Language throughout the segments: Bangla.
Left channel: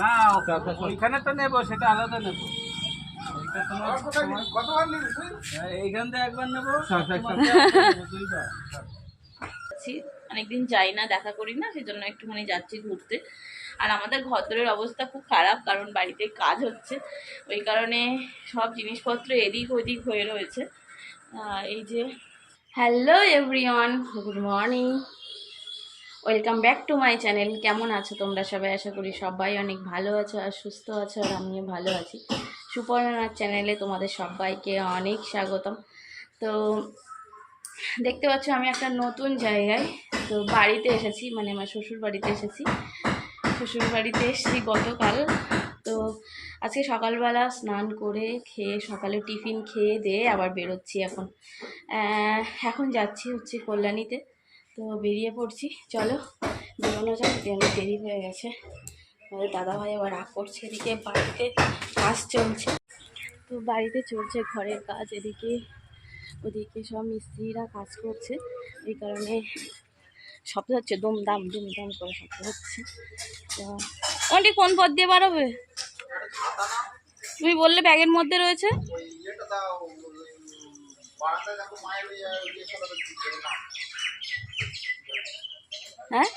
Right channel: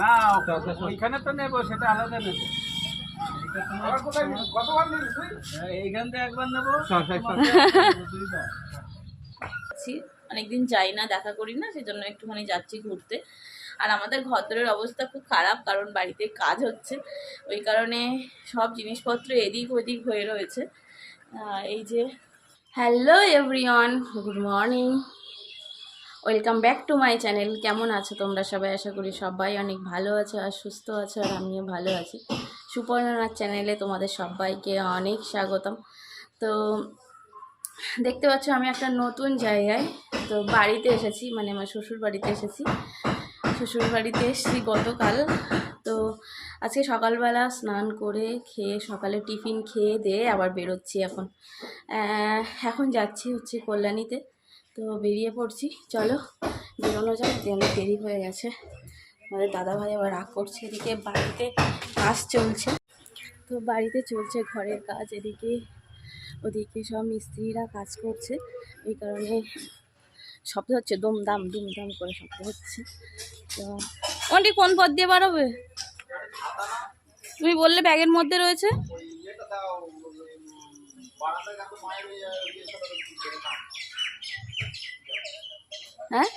না ওইখানে তো নেবো, সেটা আলাদা নেবো। এইখান থেকে একবার নেবো, দুইবার। অনেকদিন যাই না, দেখা করি না, সেই জন্য একটুখানি যাচ্ছি ঘুরতে। আর আমাদের ঘরদোরের অবস্থা খুব খারাপ, কারণ বাড়িতে কাজ হচ্ছে, ওই কারণে সব জিনিসপত্র এদিক ওদিক হয়ে রয়েছে। এই যে, hello everyone, good morning, welcome back to my channel. কেমন আছো তোমরা সবাই? আশা করি সবাই অনেক ভালো আছো আর সুস্থ আছো, আর আমিও ভালো আছি। সুপর্ণার চ্যানেলে তোমাদের সবাইকে অনেক স্বাগতম। তো দেখতে পাচ্ছ আমি একটা নতুন জায়গায়, তো বাড়িতে এসেছি, মানে আমার শ্বশুর বাড়িতে এসেছি। শ্বশুর বাড়িতে এসেছি গতকাল। তো আজকে সকালবেলা স্নান করে খেয়ে, সকালে টিফিন খেয়ে দিয়ে আবার বেরোচ্ছি। এখন যাচ্ছি হচ্ছে কল্যাণীতে। তো বেরিয়ে পড়ছি, চলো বেরোনো যায়, অনেক দেরি হয়ে গেছে। আমাদের দাদাভাই আবার রাগ করছে। এদিকে বাড়িতে কাজ চলছে, তো বাড়িতে চলছে ঘরের কাজ, এদিকে ওদিকে সব মিস্ত্রিরা কাজ করছে, এই কারণে শব্দ হচ্ছে, দুমদাম দুমদাম করে শব্দ হচ্ছে। তো ওটি কোন পথ দিয়ে বাড়াবে? তুমি বললে ব্যাগের মধ্যে রয়েছে। হ্যাঁ,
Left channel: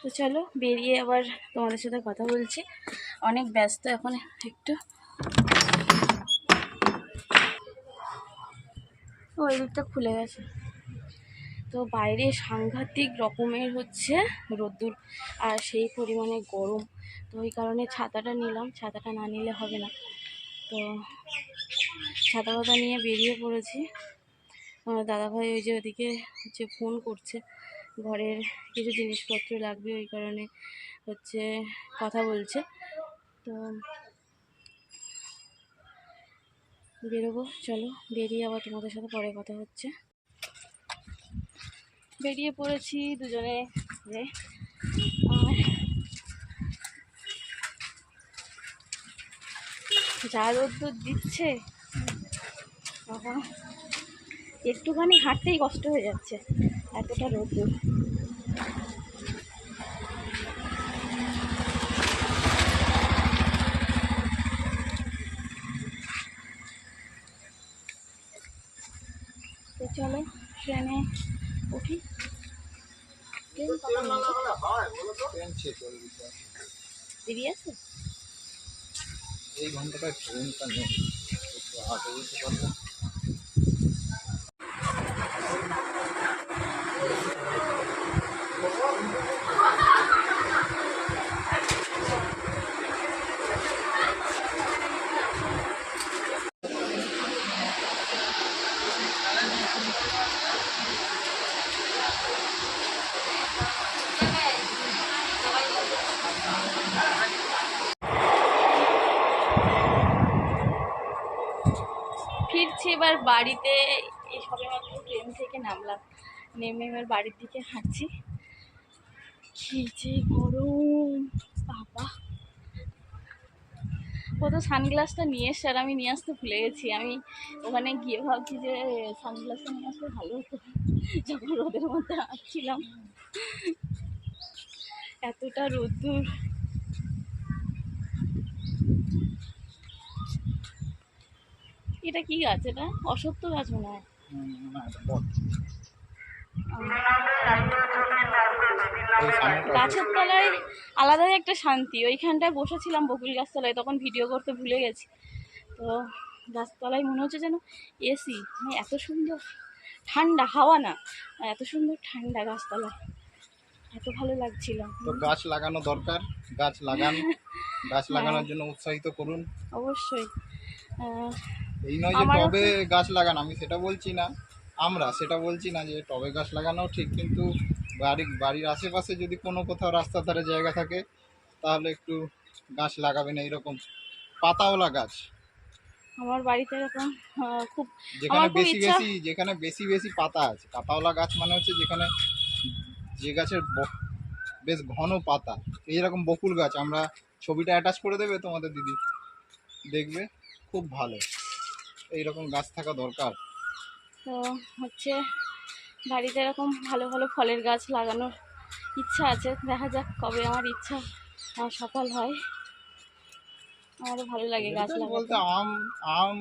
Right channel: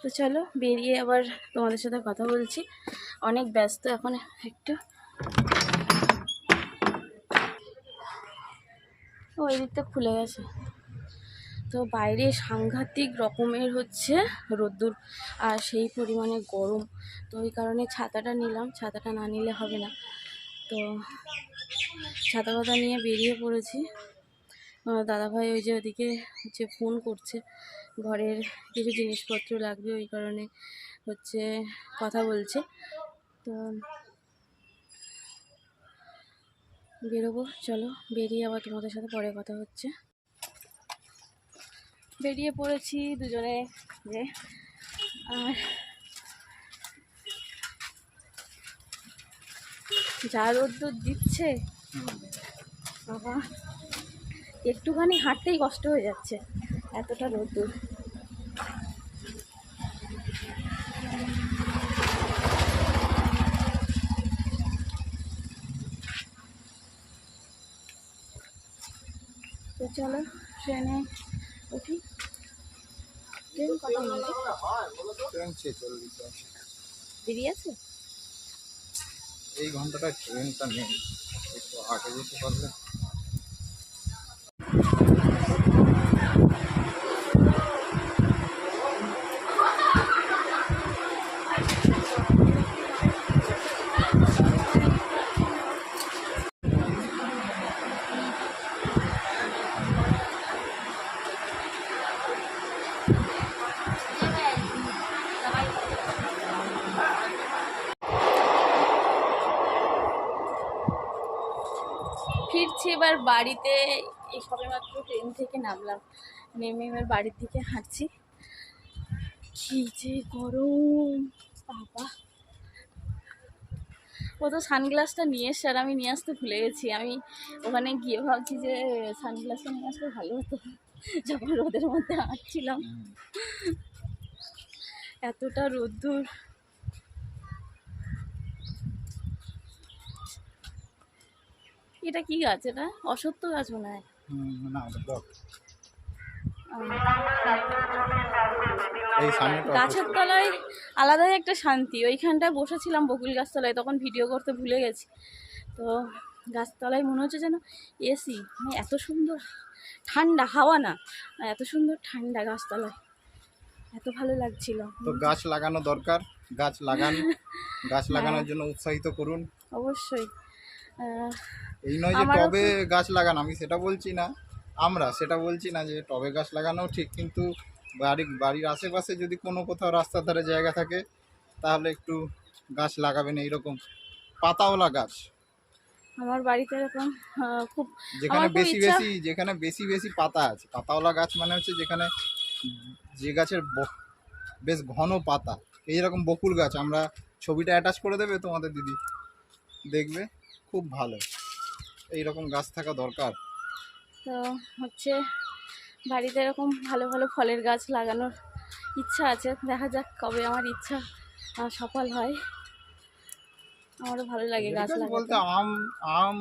তো চলো বেরিয়ে আবার তোমাদের সাথে কথা বলছি। অনেক ব্যস্ত এখন একটু। ওই দিকটা খুলে গেছে। তো বাইরে সাংঘাতিক রকমের হচ্ছে রোদ্দুর, আর সেই পরিমাণে গরম। তো ওই কারণে ছাতাটা নিলাম, ছাতাটা না নিলে হবে না। তো ছাতা পাতা নিয়ে বেরিয়ে পড়েছি। দাদাভাই ওই যে ওদিকে হচ্ছে ফোন করছে, ঘরের কিছু জিনিসপত্র লাগবে, ওই কারণে হচ্ছে কথা বলছে। তো বেরোবো, চলো বেরিয়ে আবার তোমাদের সাথে পরে কথা হচ্ছে। বেরিয়ে পড়েছি দুজনে যে, আর যা রোদ্দুর দিচ্ছে বাবা, একটুখানি হাঁটতেই কষ্ট হয়ে যাচ্ছে, এতটা রোদ্দুর। তো চলো ট্রেনে উঠি। ট্রেন কত দেরি আছে? এই ঘন্টাটা ট্রেনটা নেই, একটু আগে যেতে পারবো। ফিরছি এবার বাড়িতে। এই সবেমাত্র ট্রেন থেকে নামলাম, নেমে এবার বাড়ির দিকে হাঁটছি। কি যে গরম বাবা! ও তো সানগ্লাসটা নিয়ে এসছে, আর আমি নিয়ে আসতে ভুলে গেছি। আমি ওখানে গিয়ে ভাবছি যে সানগ্লাসটা নিয়ে আসলে ভালো হতো, যখন রোদের মধ্যে হাঁটছিলাম। এতটা রোদ্দুর। এটা কি গাছ? এটা অশ্বত্থ গাছ মনে হয়। গাছের তলায় আলাদাই একটা শান্তি। ওইখানটায় বসেছিলাম বকুল গাছতলায়, তখন ভিডিও করতে ভুলে গেছি। তো গাছতলায় মনে হচ্ছে যেন এসি, মানে এত সুন্দর ঠান্ডা হাওয়া, না এত সুন্দর ঠান্ডা গাছতলায়, এত ভালো লাগছিল। তো গাছ লাগানো দরকার, গাছ লাগান, গাছ লাগানোর জন্য উৎসাহিত করুন অবশ্যই। এই নয় যে টবে গাছ লাগান, আমি সেটা বলছি না, আমরা সেটা বলছি না যে টবে গাছ লাগানো ঠিক, কিন্তু বাড়ির আশেপাশে যদি কোনো কোথাও রাস্তার ধারে জায়গা থাকে তাহলে একটু গাছ লাগাবেন, এইরকম পাতাওয়ালা গাছ। আমার বাড়িতে এরকম খুব, যেখানে বেশি বেশি পাতা আছে। পাতাওয়ালা গাছ মানে হচ্ছে যেখানে যে গাছের বেশ ঘন পাতা, এইরকম বকুল গাছ। আমরা ছবিটা অ্যাটাচ করে দেবে তোমাদের দিদি, দেখবে খুব ভালো। এইরকম গাছ থাকা দরকার। তো হচ্ছে বাড়িতে এরকম ভালো ভালো ফলের গাছ লাগানোর ইচ্ছা আছে, দেখা যাক কবে আমার ইচ্ছা সফল হয়। আমারও ভালো লাগে গাছ বলতে লাগাতে। আম আম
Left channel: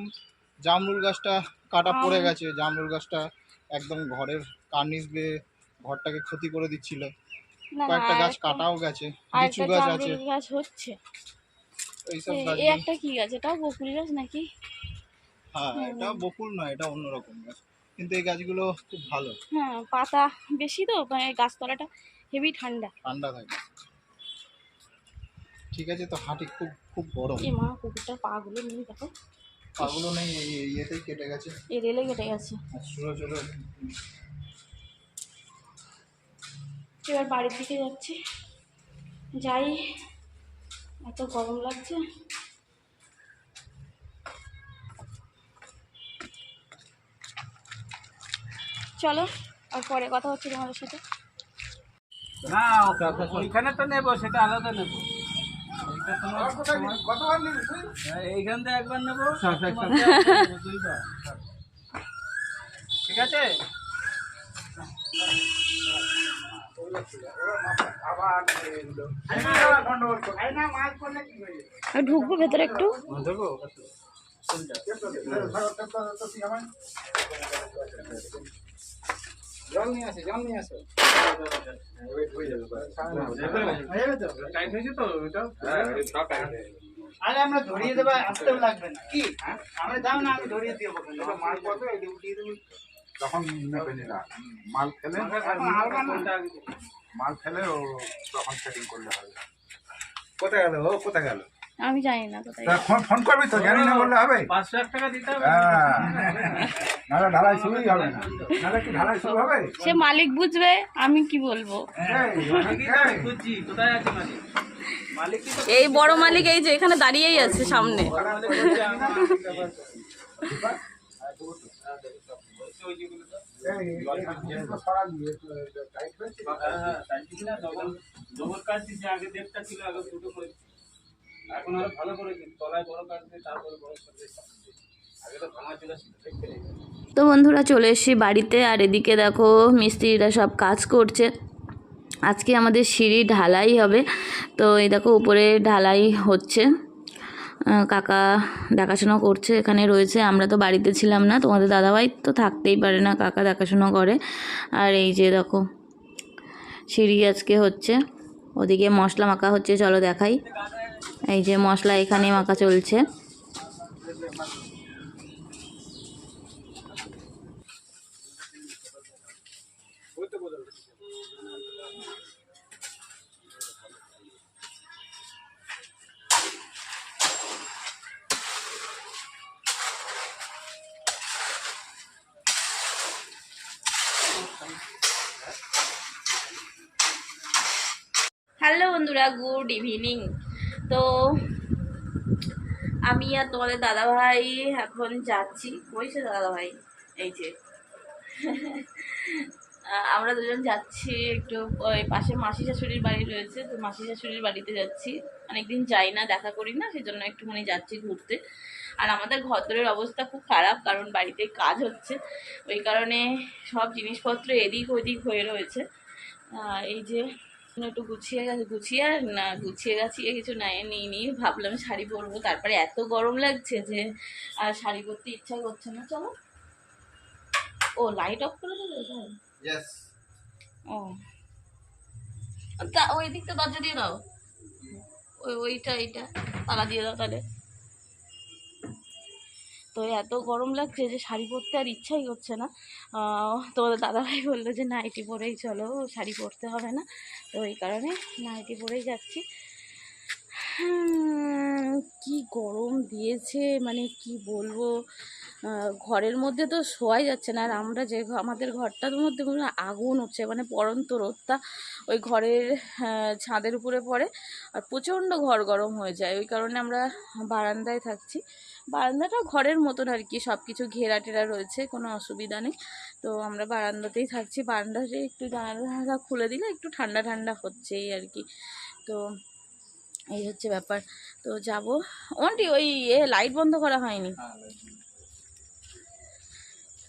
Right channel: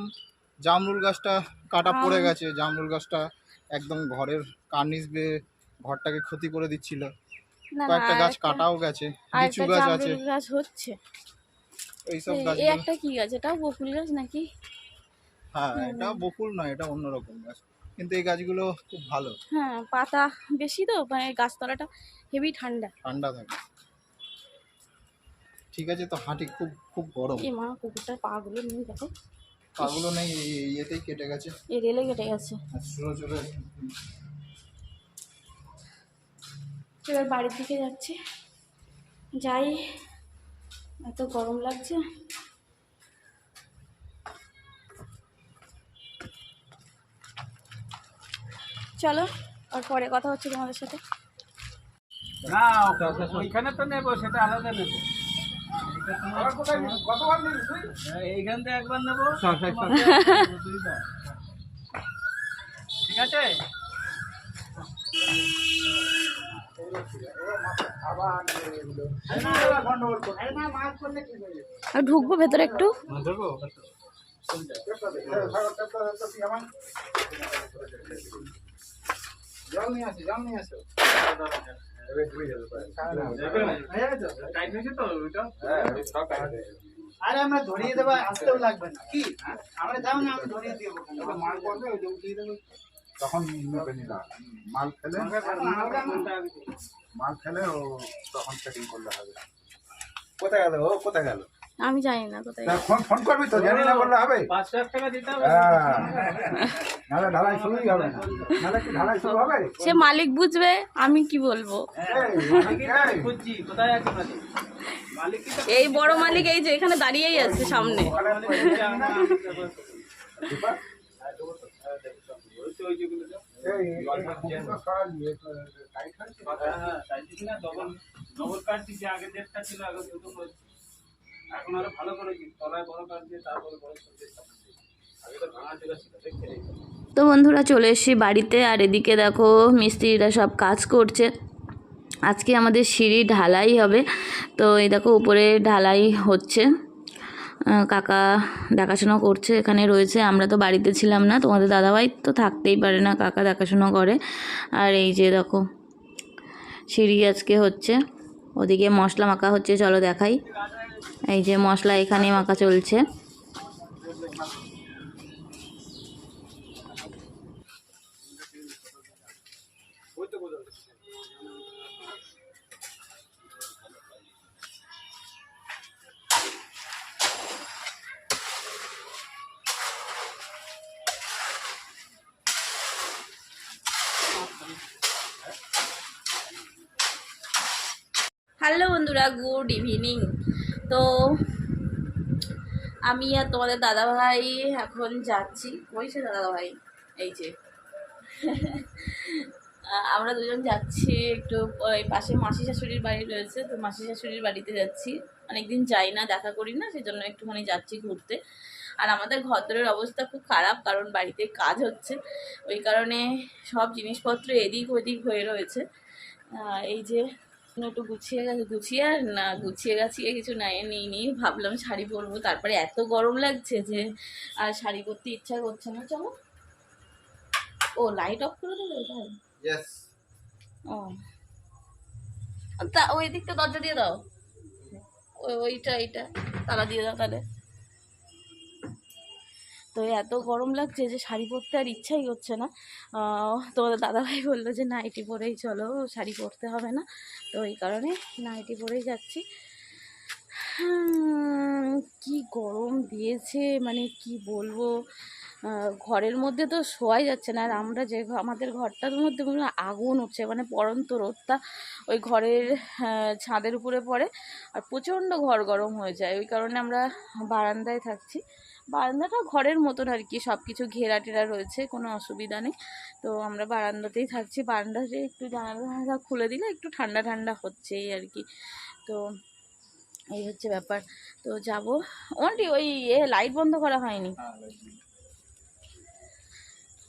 জামরুল গাছটা কাটা পড়ে আম- গেছে, জামরুল গাছটা একদম ঘরের কার্নিশ বেয়ে ঘরটাকে ক্ষতি করে দিচ্ছিল। না না, কয়েকটা গাছ আরেকটা কাটাও গেছে, লিচু আরেকটা গাছ আছে, জামরুল গাছ হচ্ছে। এইসব এই গাছগুলো। একটা কি গাছ, এটাও বকুল গাছ নাকি? হ্যাঁ, এটা বকুল নয়, এটা অন্যরকম গাছ, কিন্তু এই গাছগুলো খুব ভালো, হ্যাঁ, পাতা বেশি তো, মানে গাছতলাটা হেভি ঠান্ডা। ঠান্ডা থাকে। ঠিক আছে, তো হাঁটি, খুব খুব গরম। এই মা, কুকুরটার পাগুলো নিয়ে দেখো, পাগুলো নেই, ইয়েতেই কেটে গেছে, এই রেলে কেটে গেছে। আর চলে চলে। এবার বাড়ির দিকে যাচ্ছি, যাই, এত গরম লাগছে। চলো, আর পরে কথা হচ্ছে তোমাদের সাথে। না, ওইখানে তো নেবো, সেটা আলাদা নেবো। এইটা তোমার কতবার নিবি তুই? এইখান থেকে একবার নেবো, দুইবার। ঠিক আছে। আর ঢুকবো ভেতরে একটু। দেবো জল নিয়ে আসে, জল নিয়ে আসে। টাইট হয়েছে তো ওইটা। আরে আমরা ধরিয়ে দেবো, আসতেও লাগবে না কি, আমরা যাও না, আমি ধরিয়ে দিয়ে মাল করবে, এটা উঠিয়ে দেবে। তখন নেবে না, মাল ফেলে ও তখন সেটিং করলে হবে। কোথায় গেল ও, কোথায় গেল? আমি জানি না কোথায়। ফোন ফোন করবি তো, জানি না বললে হবে। 500 টাকা দিতে হবে। হ্যাঁ, নাহলে ঢালাই শুরুই হবে না, নাহলে কি ঢালাই শুরু হবে? সে মালিক বুঝবে, আমি কি বলবো। মালিকই তো আমি খুঁজছি, কোথায় আছে মালিক? মালিক কি তো এই বড় মালিক এই যে এখানে দাঁড়িয়েই আছে সামনে। মালিক খুঁজছে আমার ব্যাপার। বলছে ওই যেগুলো তো। টাইট হয়েছে। হ্যাঁ হ্যাঁ, তাই ঠিক না, ডবল কাটছি, যে আগে দেড়টা ছিল, আগে দুটো করেছি। এখন আরো ভালো করেছি, তলায় বড় কাট দিয়ে তারপরে বড় কাট, আগে তো ভাঙা চোরা ছিল, দেখতে নেই। তো বন্ধুরা, চলে এসেছি বাড়িতে, আর এদিকে দেখো মিস্ত্রিরা সব কাজ করছে। আজকে আমাদের সিঁড়ি ঢালাই হবে, তো এই দেখো উপরে ঢালাই হচ্ছে। কাকা দেখাশোনা করছে, এখানে রয়েছে। আমরা তো বাড়িতে ছিলাম না, তোমাদের দাদাভাই তো থাকতেই পারে না, কাকা দেখাশোনা করে। আর এই যে দেখো সিঁড়ি আজকে হচ্ছে, ওদিকে মশলা মাখা হচ্ছে, চলো দেখাই। এই যে মশলা এখানে মাখা চলছে। হ্যালো বন্ধুরা, গুড ইভিনিং। তো আমি আর তোমাদের দাদাভাই এখন যাচ্ছি। কই সে দাদাভাই? এই যে আমরা দুজন যাচ্ছি একটু, ওই পাশে মাসি শাশুড়ির বাড়ি রয়েছে, তো মাসি শাশুড়ির বাড়িতে যাচ্ছি। অনেকদিন যাই না, দেখা করি না, সেজন্য একটুখানি যাচ্ছি ঘুরতে। আর আমাদের ঘরের অবস্থা খুব খারাপ, কারণ বাড়িতে কাজ হচ্ছে, ওই কারণে সব জিনিসপত্র এদিক ওদিক হয়ে রয়েছে। এই যে একটু গুছিয়ে গাছিয়ে কিছু নাই নিয়ে ভাবলাম শাড়ি পরবো, তারপরে এত গরম লাগছে যে আর শাড়ি পরতে ইচ্ছা করছে না। চলো, ও লাইট অফ করে দেবে তাই? ইয়েস। ও তা ওই দিকটা দরজা দিয়ে দাও, এইটা তালা দিয়ে দাও তাহলে। তো এত গরম লাগছে যে শাড়ি পরতে আর ইচ্ছাই হচ্ছে না। তোমাদের দাদাভাই বললো যে নাইটি পরেই চলো, শাড়ি পরতে হবে না, তো এই কারণে নাইটি পরেই যাচ্ছি। কি গরম দিয়েছে, মানে কি বলবো, ঘরের মধ্যে তো শোয়াই যাচ্ছে না। আর আমরা যে আমাদের ঘরটার মধ্যে আগুন উঠছে, মানে পড়ন্ত রোদটা ওই ঘরের ছাদের উপরে পড়ে, আর প্রচণ্ড ঘর গরম হয়ে যায়। ওই কারণে আমরা বারান্দায় থাকছি। বারান্দাটা ঘরের মতন আর কি, সব কিছু ঘেরা টেরা রয়েছে, কোনো অসুবিধা নেই। তো আমরা বারান্দাতেই থাকছি, বারান্দাতে একটু জানালা খুলে দিলে একটু ঠান্ডা ঠান্ডা হচ্ছে এই আর কি। তো এই হচ্ছে ব্যাপার। তো যাবো ওনটি, ওই লাইট বন্ধ করা হয়নি।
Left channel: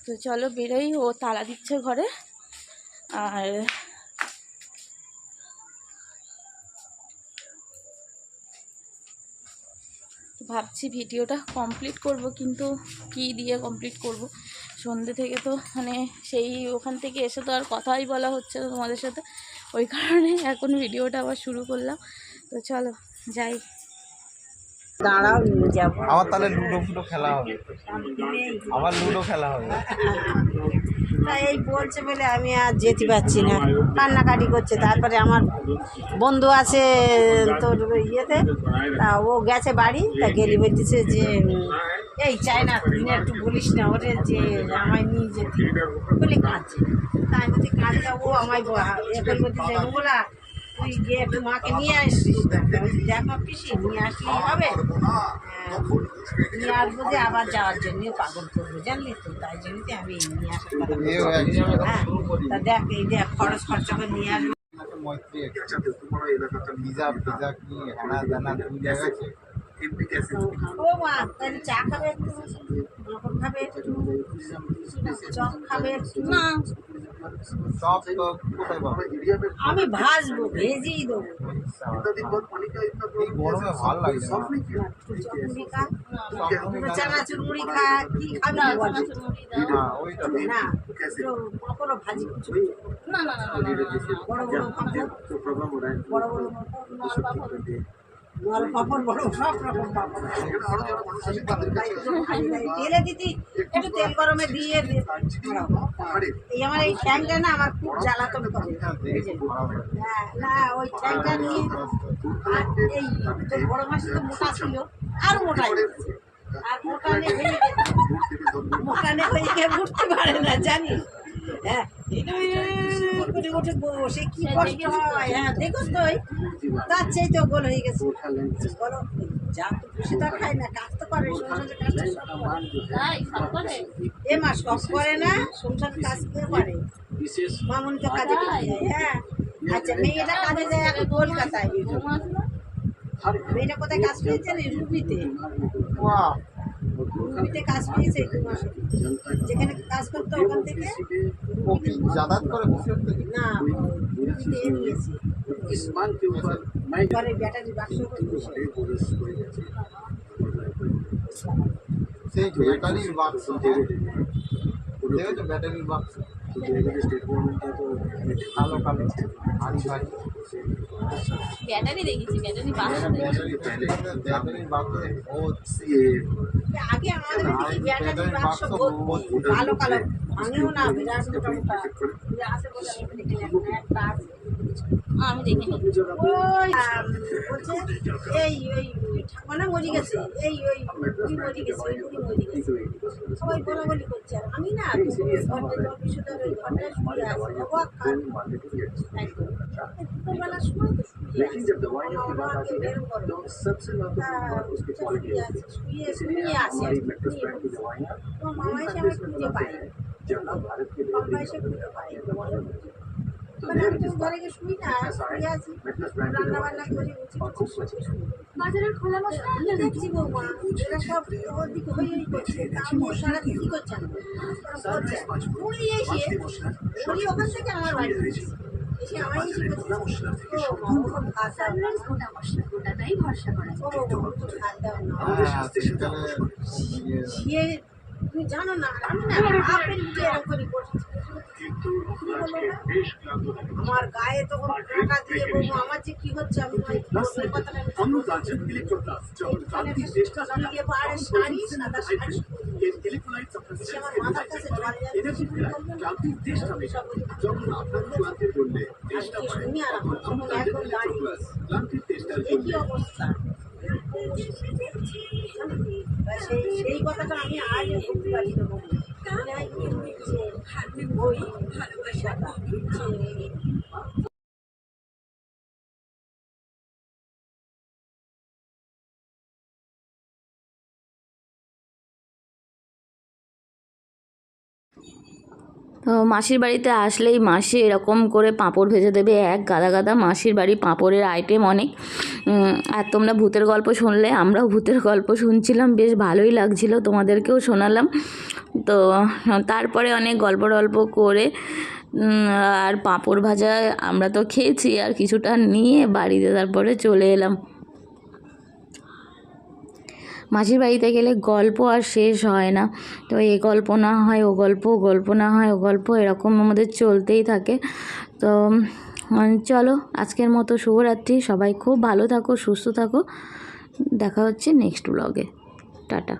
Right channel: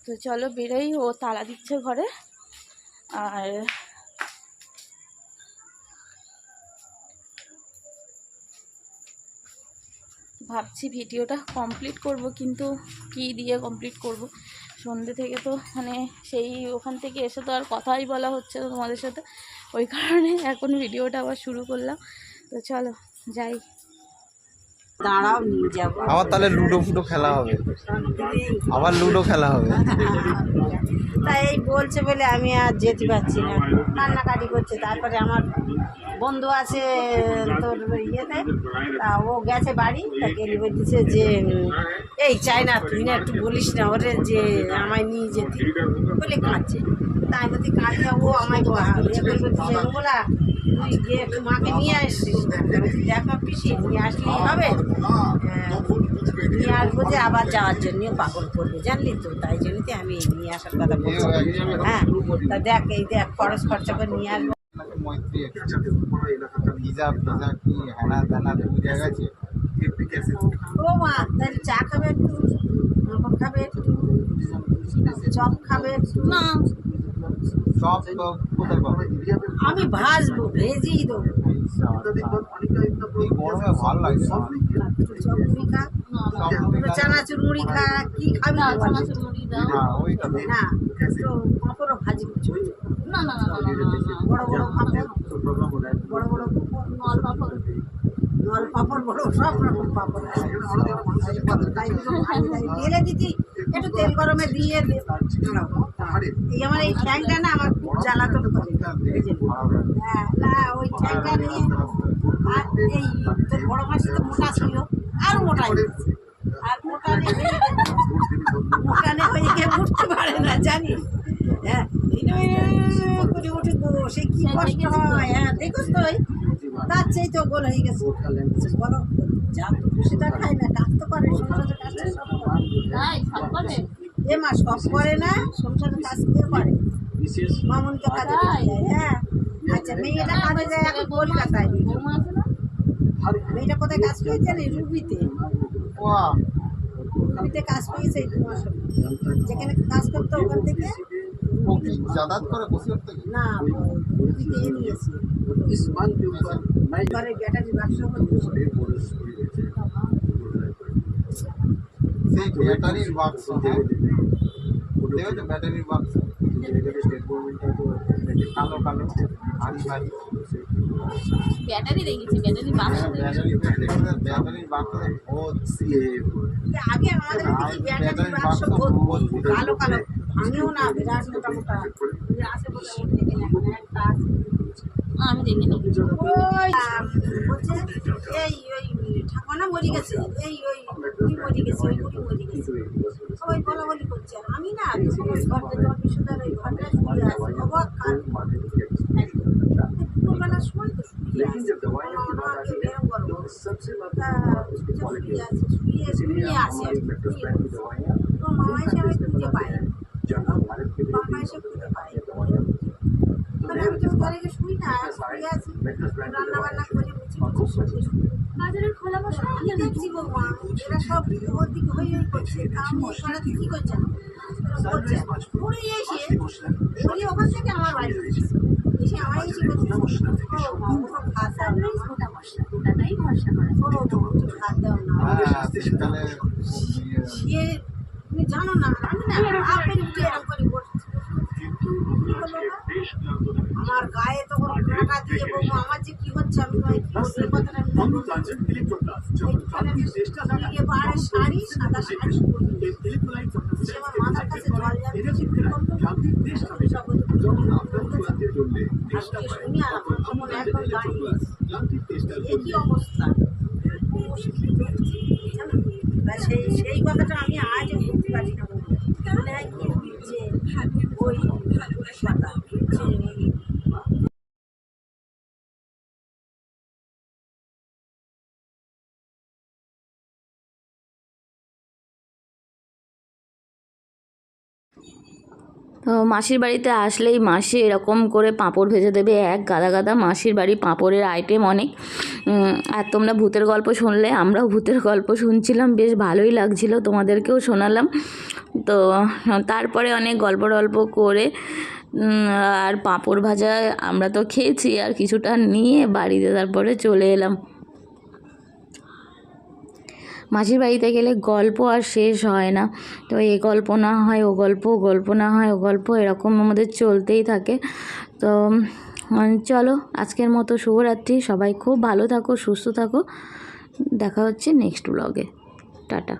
তো চলো বেরোই, ও তালা দিচ্ছে ঘরে। আর ভাবছি ভিডিওটা কমপ্লিট করব, কিন্তু কি দিয়ে কমপ্লিট করব? সন্ধ্যে থেকে তো মানে সেই ওখান থেকে এসে তো আর কথাই বলা হচ্ছে না তোমাদের সাথে, ওই কারণে এখন ভিডিওটা আবার শুরু করলাম। তো চলো যাই। দাঁড়াও নিয়ে যাবো। আবার তাহলে লুডো ফুডো খেলা হবে, আবার লুডো খেলা হবে। তাই এই বলছে বলে আমি আর যেতে পারছি না, কান্নাকাটি করছে। তারপরে আমার বন্ধু আছে তোর ইয়েতে, তা ও গেছে বাড়ি, তা গেলি বলতেছে যে এই চাই না, তুই না একটু বলিস না ওরে যে আমায় নিয়ে যেতে বলে কাঁদছে। তাই বলছি কাঁদলে ও আমায় বলতেছে বলা তুই গিয়ে একটু মাকে নিয়ে আসছিস না। দেখো পিসি নিয়ে আসলেই হবে, নিয়ে আসবো যে আবার যাওয়ার জন্যও পাগল করবো জানলি তো, তাই জন্যতে আমি নিয়ে আসার কথা বলছি। হ্যাঁ তা দেখ এই দেখ খরচ খরচা করে নিয়ে আসবো। মৈত্রী ভিজা ভিজা কি হেনা দানা দুই জায়গা আছে। ও মা তাহলে চা খাবে একটু, পাঁপড় খাবে একটু, চপ খাবে একটু? না সব তো কোথায় পাবে? আমি ভাজবো, ভেজেই দেবো। এই গরমে ভালো লাগছে না। একটু চপ মুড়ি খা, একটু চানাচুর মুড়ি খা, কি খাবি দাও, বল? চানাচুর মুড়ি দাও। না, ওইটা তো। না একটু পাঁপড়ও ভাজি করছো, না না না না না না, না। বড় বড় পাঁপড়, বড় বড় পাঁপড়, নল পাপড়। নল পাঁপড়, বড় সব রকম পাঁপড়। তাই দুটো ভাজি তাই তেলে দিতি, একটু তেল গরমে দিয়ে এই আমার এই ঠ্যাংটা না আমার খুব জ্বালাতন করে। হ্যাঁ না ওই ঠ্যাংটা নিয়ে, আর এই তোর বড় মাসি তো মোটা ছিল, আরো মোটা হয়ে গেছে। আর মোটানে হয়ে গেছে, মোটানে হয়ে গিয়ে উঠতে পারে না জানিস। হ্যাঁ করে ওঠে সে কি কষ্ট হয়। হ্যাঁ দেখোস তো ওই তার চেয়ে তো গোল হয়ে গেছে। বলো যা খুশি তা খায় না, কাজ তো করে, সংসারের কাজটা সব করে। তাই সব করে? এ মা সব করে না, সংসারের কাজ কে করে? মামুন তো কাজে যায়। হ্যাঁ আচ্ছা মেয়েটা কাজে যায় এখন কলকাতায়। বৌমা আছে না? মেয়েটা কোথায় কাজ পেয়েছে না? রুবিতে। বাহ, রুবিতে কাজ পেয়েছে 2 মাস হলো। যেখানে কাজ করতো ওখান থেকে ও কি যাতায়াত করে বসিরহাট থেকে? না রুবিতে নিয়েছে। ঘরে ব্যাটারি বাক্স করতে সেই ব্যাটারির বাক্স, হ্যাঁ দেখেছো ব্যাটারির বাক্স, কালো কালো ভারী ভারী। ব্যাটারি দেখেছি, ব্যাটারি বাক্স দেখেছি। ব্যাটারির বাক্স ও আগে আমাদের দিকে ব্যাটারি বাক্স ভর্তি, কালো কালো, ভাঙেও না, বিরাট মোটা মোটা আছে বলে আমি দেখে নিই। এখন একটা আছে আমি দেখিনি। ওই বলছে এই ওই ঠাকুমা মরে গেছে, এই ওই বুড়ি মরে গেছে, ওই বুড়ি মরে গেছে, সবাই বলা বলি করছে। আর আমি না তোমার বিশুদার ওই ঘরটায় শুয়ে আছি, অবাক খান দুপুরবেলার সময় তো শুয়ে আছি, আমাকে বেরম করবো তা শুয়ে আছে, শুয়ে আসি আর কি, তো মামা এসে আমি খুঁজে পাই, মামা এসে খুঁজে পাই। মানে আমি তো ঘরে গিয়ে শুই না, শুয়ে আছি, রান্না বান্না করে বাজারের খোলা মশলা আমি দেখছি বৌমা এরা সব ওর দিকে হয়েই করছে, তা আমি সারাতে কী করছে বলছে উড়ে এসে উড়ি ওখান থেকে আমার বাড়ি এসে আমার এসে বলছে ও মামা ভাত দাও না, ওটাটাই ভরসা করে ও ভাত দাও না। শীতকালে সে তুমি জানো না, আমি না আপেল উঠে এরকম করে বসছি, আমার গায়ে তখন কাঁটা দিয়ে বলবো আমার যে কি হচ্ছে, আমি কথাটা পাহাড়ের শাড়ি, সাদা শাড়ি, আমার মাথার কাছে জল শুনি আর আমার তখন একদম দাঁড়িয়ে একই অবস্থা। সেই কথাটা আমি আজও বলতে পারি না, মনে হয় কি হচ্ছে ওই কথা। তো মাসির বাড়িতে আসলেই মাসি এরকম করে পাঁপড় ভেজে দেবে, এক গাদা গাদা। মাসির বাড়ি পাঁপড়ের আইটেম অনেক। আর তোমরা ভূতের গল্প শুনলে, আমরাও ভূতের গল্প শুনছিলাম, বেশ ভালোই লাগছিল, তোমাদেরকেও শোনালাম। তো তারপরে অনেক গল্প টল্প করে আর পাঁপড় ভাজা আমরা তো খেয়েছি, আর কিছুটা নিয়ে বাড়িতে তারপরে চলে এলাম। মাসির বাড়িতে গেলে গল্প আর শেষ হয় না, তো এ গল্প না হয় ও গল্প, গল্প না হয় ও গল্প, এরকম আমাদের চলতেই থাকে। তো চলো আজকের মতো শুভরাত্রি, সবাই খুব ভালো থাকো, সুস্থ থাকো, দেখা হচ্ছে নেক্সট ব্লগে। টাটা।